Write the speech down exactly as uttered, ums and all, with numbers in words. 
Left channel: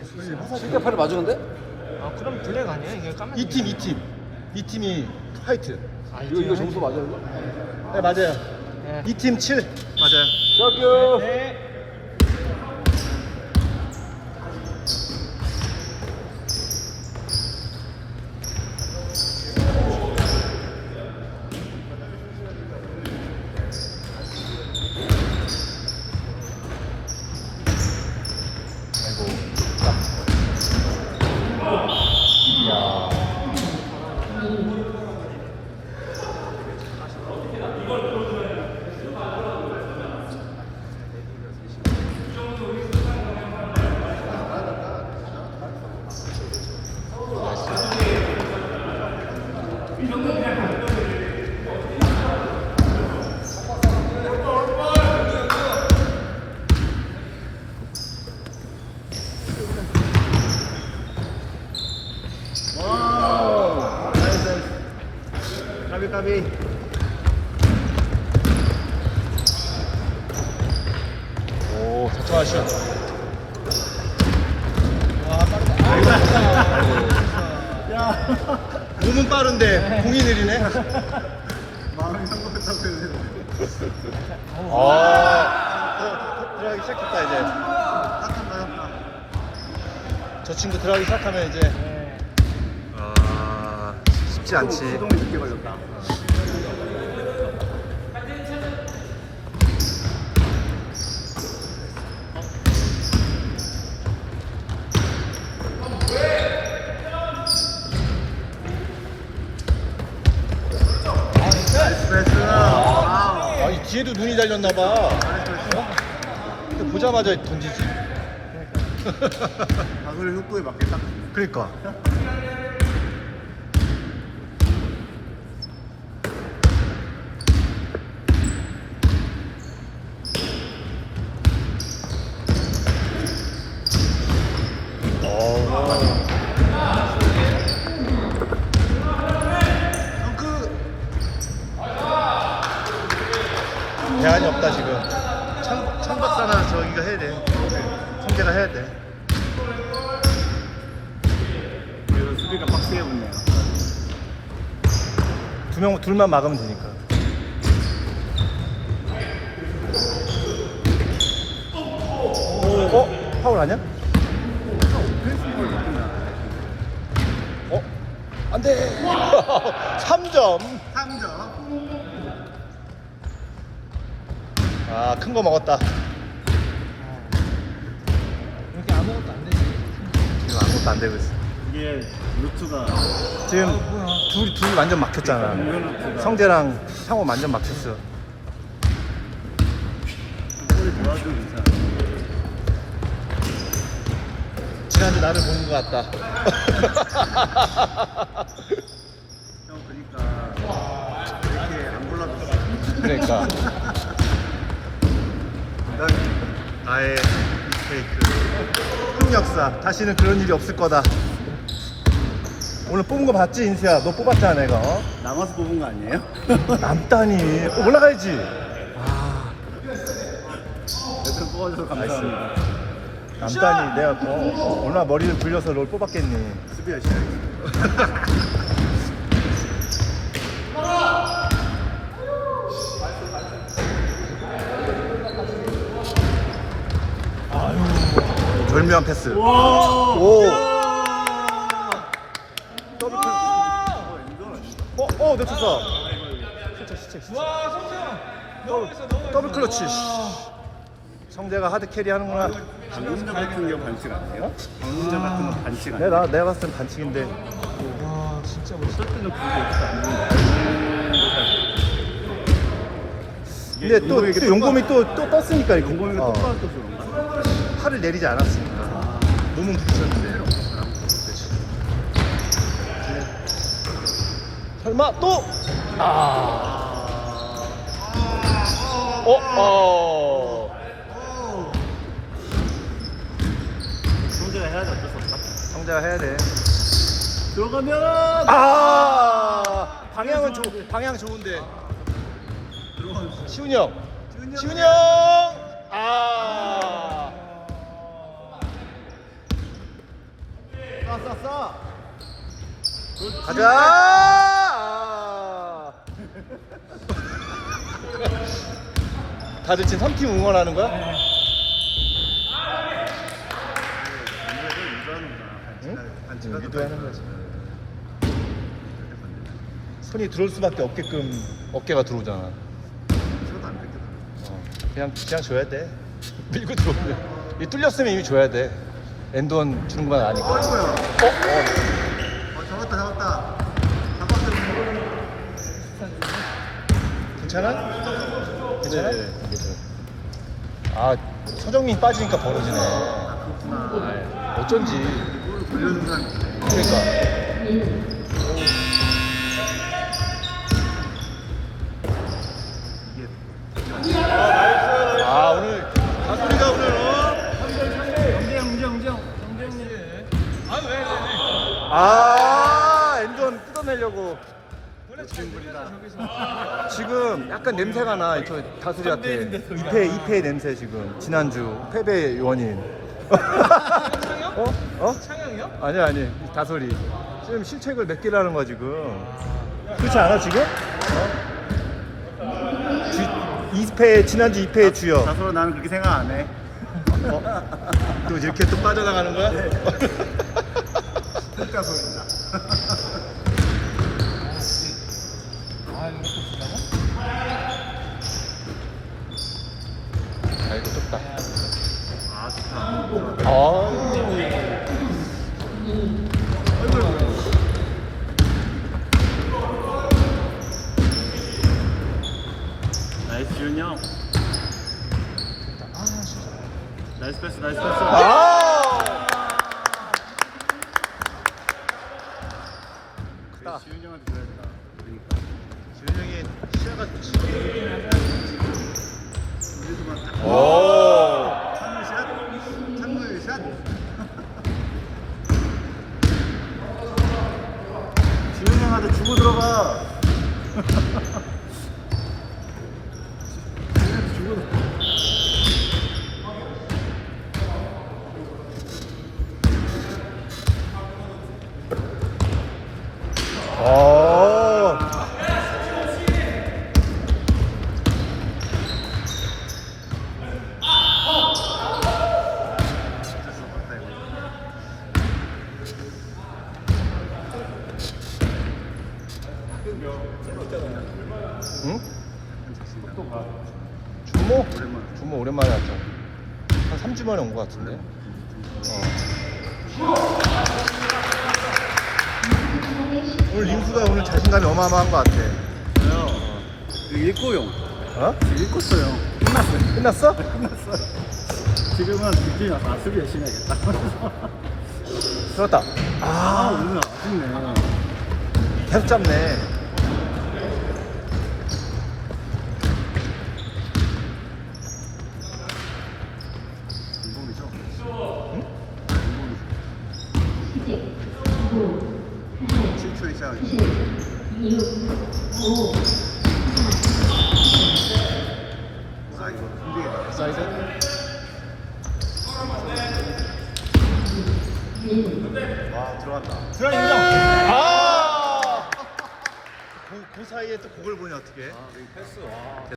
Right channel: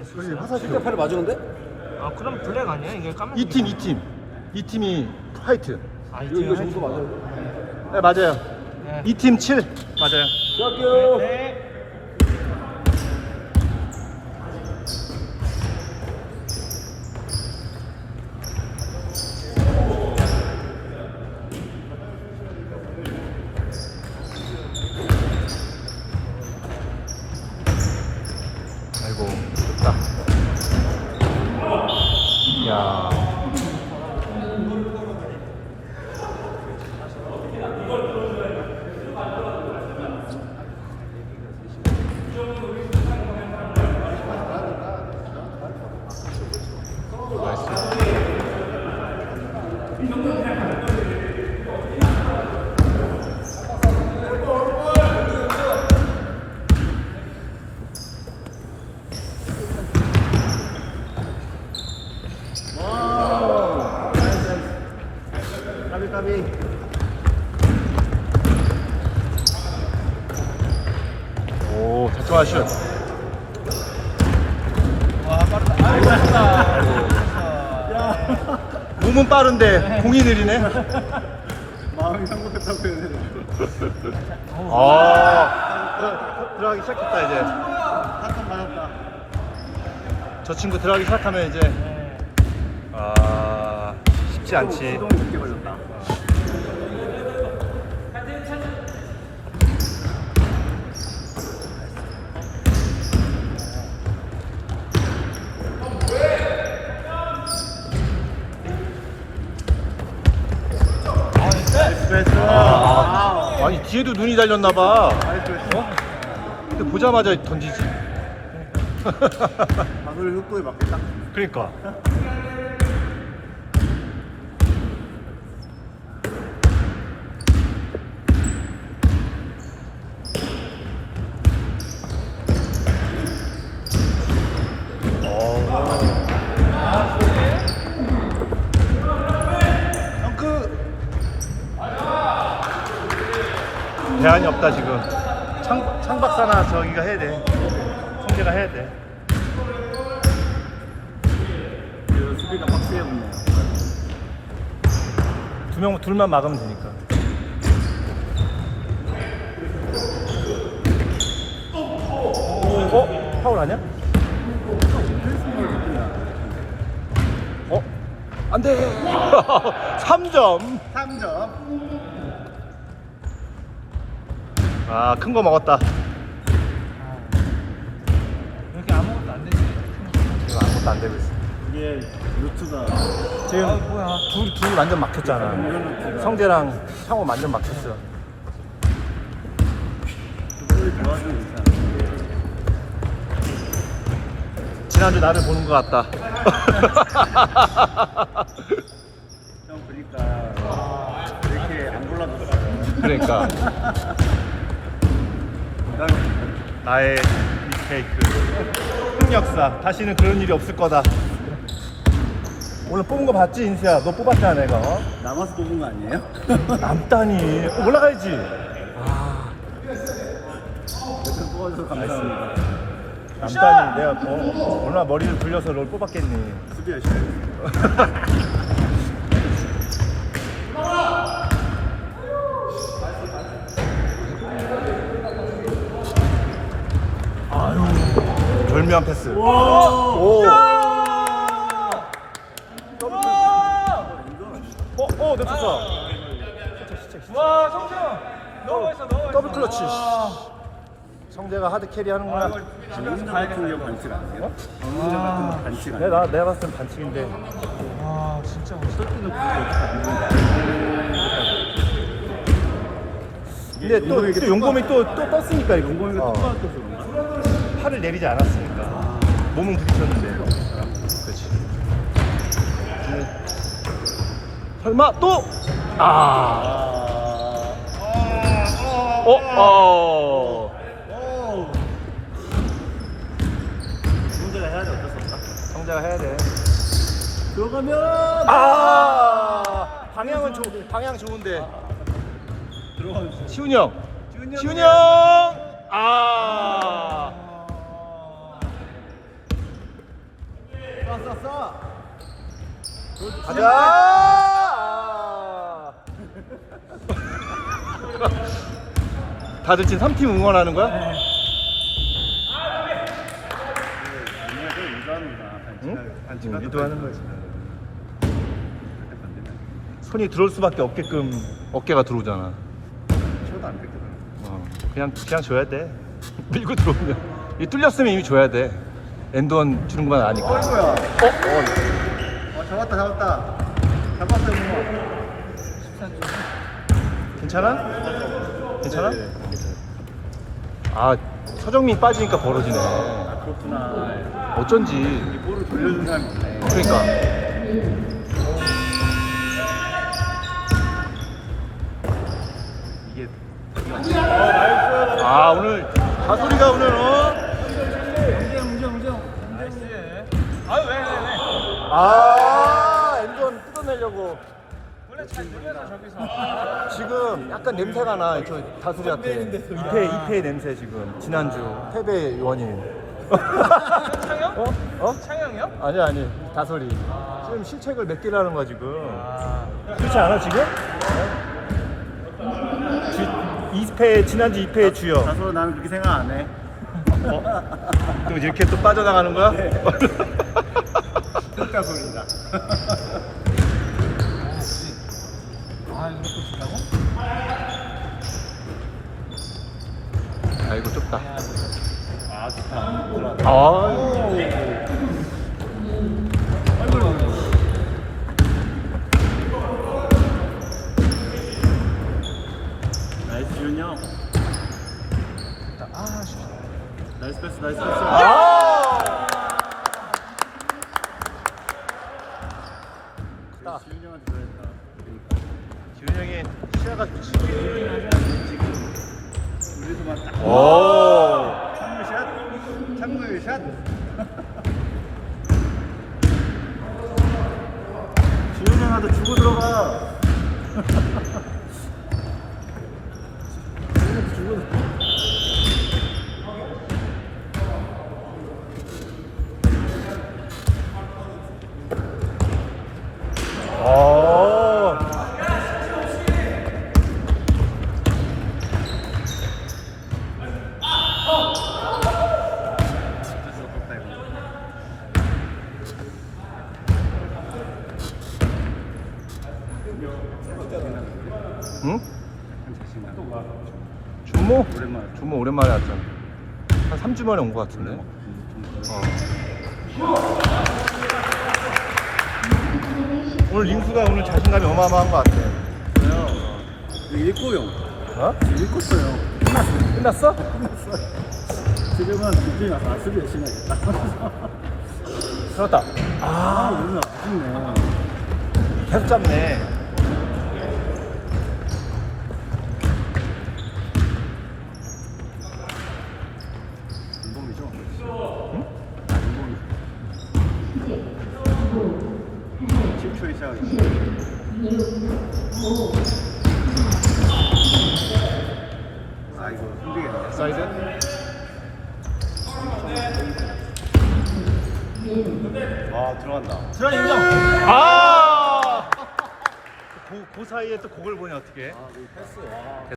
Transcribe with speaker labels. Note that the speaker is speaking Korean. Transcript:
Speaker 1: 칠 대 팔이 맞으는데?
Speaker 2: 아 그럼 블랙 아니에요? 이게 까만.
Speaker 3: 이 팀 이 팀 이 팀이 화이트.
Speaker 1: 이거, 이거 점수 맞아요?
Speaker 3: 네 맞아요.
Speaker 2: 네.
Speaker 3: 이 팀 칠 맞아요.
Speaker 1: 시작해요.
Speaker 3: 까비 까비. 오 작정하시오. 몸은 빠른데 공이 느리네.
Speaker 1: 마음이 상급했다고 해야 되나?
Speaker 3: 아 들어가기 시작했다 이제.
Speaker 1: 한칸 맞았다.
Speaker 3: 저 친구 들어가기 시작하면 이제 아 쉽지 않지.
Speaker 1: 수동이 늦게 걸렸다.
Speaker 3: 나이스 패스. 와우. 아니 뒤에도 눈이 달렸나봐.
Speaker 1: 나이스 패스.
Speaker 3: 근데 보자마자 던지지.
Speaker 1: 가솔의 속도에 맞겠다.
Speaker 3: 그러니까. 대안이 없다 지금. 창, 창 박사나 저기가 해야 돼. 성재가 해야 돼.
Speaker 1: 그리고 수비가 빡세게 됐네.
Speaker 3: 두 명 둘만 막으면 되니까. 어? 어? 파울 아니야? 어? 안 돼. 삼 점.
Speaker 1: 삼 점.
Speaker 3: 아, 큰 거 먹었다.
Speaker 2: 이렇게 아무것도 안 되지.
Speaker 3: 아무것도 안 되고 있어.
Speaker 1: 이게 루트가
Speaker 3: 지금
Speaker 2: 아, 뭐야.
Speaker 3: 둘, 둘 완전 막혔잖아. 성재랑 상호 완전 막혔어요.
Speaker 1: 골이 들어가시면 괜찮아.
Speaker 3: 지난주 나를 보는 것 같다.
Speaker 1: 형 그러니까 이렇게 안 골라줬어.
Speaker 3: 그러니까. 나의 미스테이크. 흑역사. 다시는 그런 일이 없을 거다. 오늘 뽑은 거 봤지, 인수야? 너 뽑았잖아, 내가. 어?
Speaker 1: 남아서 뽑은 거 아니에요?
Speaker 3: 남다니. 어, 올라가야지.
Speaker 1: 여튼 뽑아줘서 감사합니다.
Speaker 3: 남다니. 내가 뭐, 얼마나 머리를 굴려서 널 뽑았겠니.
Speaker 1: 수비 열심히 했어.
Speaker 3: 절묘한 패스. 오. 어, 어, 내쳤어.
Speaker 2: 와 성재형 너무 멋있어 너무 멋있어.
Speaker 3: 더블 클러치. 성재가 하드 캐리 하는구나.
Speaker 1: 방금 같은 게 반칙 아니에요? 방금 같은 거 반칙 아니에요?
Speaker 3: 내가 내가 봤을 땐 반칙인데.
Speaker 2: 와 진짜 멋있어.
Speaker 3: 근데 또, 또 용검이 또, 또 떴으니까 이거.
Speaker 1: 공공이가
Speaker 3: 어.
Speaker 1: 똑바로 떴어.
Speaker 3: 팔을 내리지 않았으니까. 몸은 부딪혔는데. 그렇지. 설마 또? 아. 어? 어.
Speaker 1: 성재가 해야 돼. 어쩔 수 없다.
Speaker 3: 성재가 해야 돼.
Speaker 1: 들어가면
Speaker 3: 아. 방향은 좋 방향 좋은데.
Speaker 1: 들어가면
Speaker 3: 시훈이 형.
Speaker 1: 시훈이
Speaker 3: 시훈이 형. 아. 써. 가자. 아. 다들 지금 삼 팀 응원하는 거야?
Speaker 1: 우리가 유도하는구나.
Speaker 3: 응?
Speaker 1: 반칙하도
Speaker 3: 유도하는 거지. 손이 들어올 수밖에 없게끔 어깨가 들어오잖아.
Speaker 1: 쳐도 안 뺏겨.
Speaker 3: 그냥 그냥 줘야 돼. 밀고 들어오면 이 뚫렸으면 이미 줘야 돼. 엔드원 주는 건 아니고.
Speaker 1: 어이구야. 어, 잡았다, 잡았다. 잡았어, 이거.
Speaker 3: 괜찮아? 괜찮아?
Speaker 1: 네,
Speaker 3: 괜찮아. 아 서정민 빠지니까 벌어지네.
Speaker 1: 아, 그렇구나.
Speaker 3: 어쩐지.
Speaker 1: 볼을 돌려준 사람이 있네.
Speaker 3: 그러니까.
Speaker 1: 이게.
Speaker 3: 아 오늘 가소리가 오늘 어?
Speaker 2: 운정 운정 운정. 아왜 왜 왜?
Speaker 3: 아 엔전 뜯어내려고.
Speaker 2: 원래 잘 놀려서 저기서.
Speaker 3: 지금 약간 냄새가 나. 저 다소리한테. 이패 이패 냄새 지금. 지난주 패배 원인.
Speaker 2: 창영?
Speaker 3: 어? 어?
Speaker 2: 창영이요?
Speaker 3: 아니 아니 다소리. 지금 실책을 몇 개를 하는 거야 지금. 그렇지 않아 지금? 이 패 지난주 이 패의 주역.
Speaker 1: 자서로 나는 그렇게 생각 안 해.
Speaker 3: 어? 또 이렇게 또 빠져나가는 거야?
Speaker 1: 네. 흑자 소리입니다.
Speaker 2: 아 이거 또 주자고?
Speaker 3: 아 이거 좁다.
Speaker 1: 아, 좋다.
Speaker 3: 아.
Speaker 1: 나이스 지훈이 형. 나이스 패스, 나이스 패스.
Speaker 3: 아!
Speaker 1: 지훈이 형한테 줘야겠다.
Speaker 3: 기훈 형이 시야가 좋지.
Speaker 1: 우리도 막 딱.
Speaker 3: 오.
Speaker 1: 창구샷? 창구의 샷? 지훈이 형한테 주고 들어가. 주고 들어가.
Speaker 3: 오. 응? 준모?
Speaker 1: 오랜만에.
Speaker 3: 준모 오랜만에 왔지. 한 삼 주 만에 온 거 같은데. 오늘 링수가 오늘 자신감이 어마어마한 거 같아.
Speaker 1: 일코용.
Speaker 3: 어?
Speaker 1: 일코용.
Speaker 3: 끝났어?
Speaker 1: 끝났어. 지금은 느낌이 와서 수비 열심히 하겠다.
Speaker 3: 끝났다.
Speaker 1: 아, 오늘 아쉽네.
Speaker 3: 계속 잡네.
Speaker 1: 인공이죠?
Speaker 3: 응?
Speaker 1: 칠 초에 시작하죠. 아, 이거 힘들겠다. 와, 들어간다.
Speaker 2: 주한 인정.
Speaker 3: 아! 그, 그 사이에 또 그걸 보냐 어떻게?
Speaker 1: 아, 이 패스. 와.